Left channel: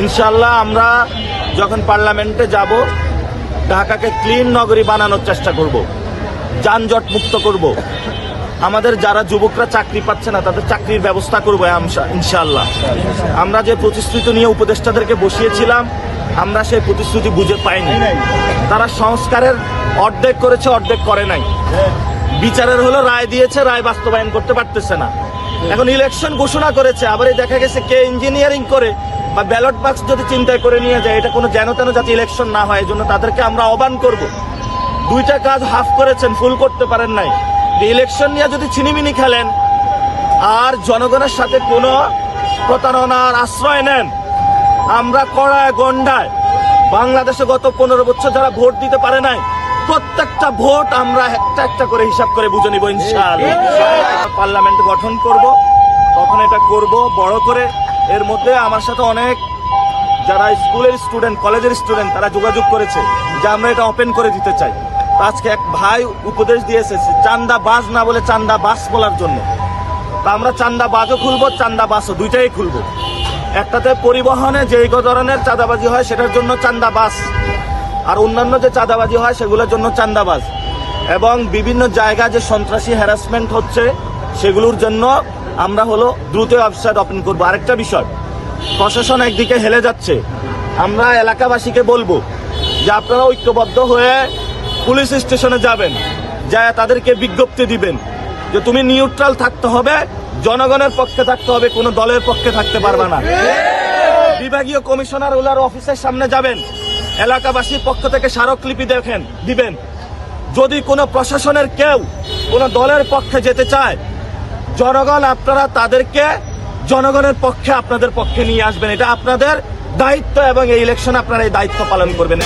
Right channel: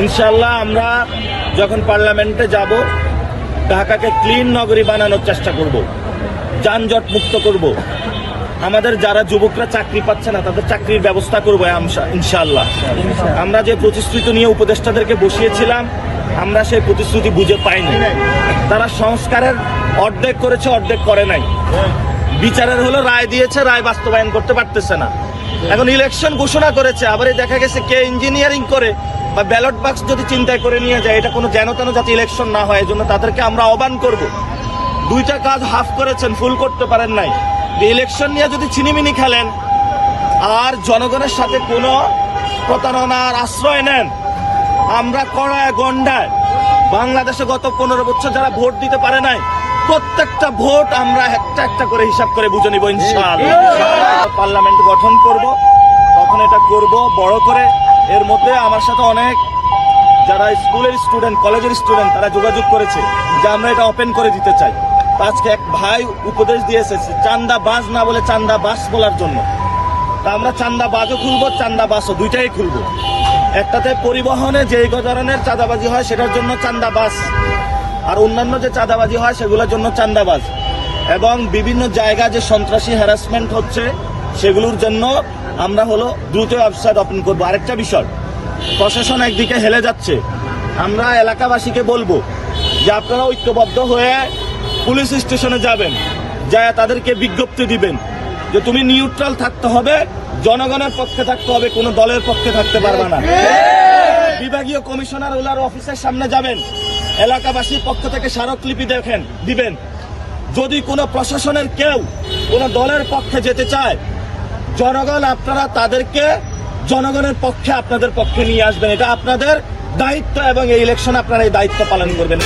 ইনশাআল্লাহ আমরা যখন পার্লামেন্টে যাব ঢাকাকে ক্লিন নগরী বানানোর চেষ্টা করব, যানজট মুক্ত করব। আমাদের যারা যুবকরা চাকরি পাচ্ছে না তাদের চাকরির ব্যবস্থা করবো ইনশাআল্লাহ। আমরা যে প্রতিশ্রুতি নিয়ে উপদেষ্টাদেরকে বসিয়েছিলাম আমরা সেই প্রতিশ্রুতি বুঝে পাইনি। তারা সংস্কারের অর্ধেক করেছে, অর্ধেক করে নাই। বিচারের হলো রায় দিয়েছে, রায় বাস্তবায়ন করতে পারতেছে না। এখন ইলেকশন ঘোষণা করেছে, আবার দেখা গেছে কে ইঞ্জিনিয়ারিং করে বা ব্যালট বাক্স যদি চিন্তায় করে নিয়ে যায়, এটা কোনো যেন তেন যাতে ইলেকশন না হয়, এই জন্য তাদেরকে আমরা আহ্বান করব। দুইটা কাজ হাফ করেছেন, ফুল করতে পারেন নাই। ইলেকশন নিয়ে যদি ছিনিমিনি খেলেন আর জনগণের সাথে কোনো প্রতারণার আশ্রয় নেন, আমরা কড়ায় গন্ডায় বাংলাদেশে গত 15 বছর যারা ভোট দিতে পারে নাই প্রত্যেকটা ভোট আমরা একটা একটা করে হিসাব করে বুঝে নিব ইনশাআল্লাহ। পার্লামেন্ট গঠন করব, কখন এটা করব বড় করে। এর মধ্যে আমার সাথে অনেক যারা স্কুলের স্টুডেন্ট, কলেজের স্টুডেন্ট তারা যোগাযোগ করেছে যে আমরা এটা ওপেন করে দিতে চাই। আজকে এক ভাই উপদেশ দিয়েছে চান্দা বাজ না বলে চান্দা বাস বলার জন্য। তা আমরা চান্দা বাজও খুলবো, চান্দা বাসও দুইটাই খুলবো। একটাতে পরিবহনে যে ধরনের চাঁদাবাজি হয় সেটার জন্য চান্দা বাস, আর অন্যান্য যে চাঁদাবাজি হয় সেগুলোর জন্য চান্দাবাজ। এবং বিভিন্ন জায়গা যে সন্ত্রাসী হ্যারাসমেন্ট হচ্ছে সেগুলোর জন্য আমরা দ্রুত ওয়েবসাইট ওপেন করবো। আরেকটা বিষয়, প্রশাসন একদিকে হেলে যাচ্ছে, আমরা এলাকাবাসীকে বলবো যে আপনারা ঐক্যবদ্ধ হয়ে পুলিশ স্টেশনে যাবেন, যা তাদেরকে বিজ্ঞপ্তি দিবেন যে তুমি নিউট্রাল থাকতে হবে, জনগণের পক্ষে থাকতে হবে, কোনো দলের পক্ষে থাকতে পারবে না। বিভাগীয় কমিশনার ওলার অফিসের সামনে যাবেন, এলাকাবাসীর পক্ষ থেকে স্মারকলিপি দিবেন। যদি কোনো প্রশাসনের কেউ কোনো দলের পক্ষে যেতে চায়, জনগণ আপনারা তাদেরকে জনগণের পক্ষে আপনাদের পক্ষে নিয়ে আসবেন। এটা আপনাদের দায়িত্ব এবং এই ইলেকশনে আপনারা এই দায়িত্ব পালন করবেন।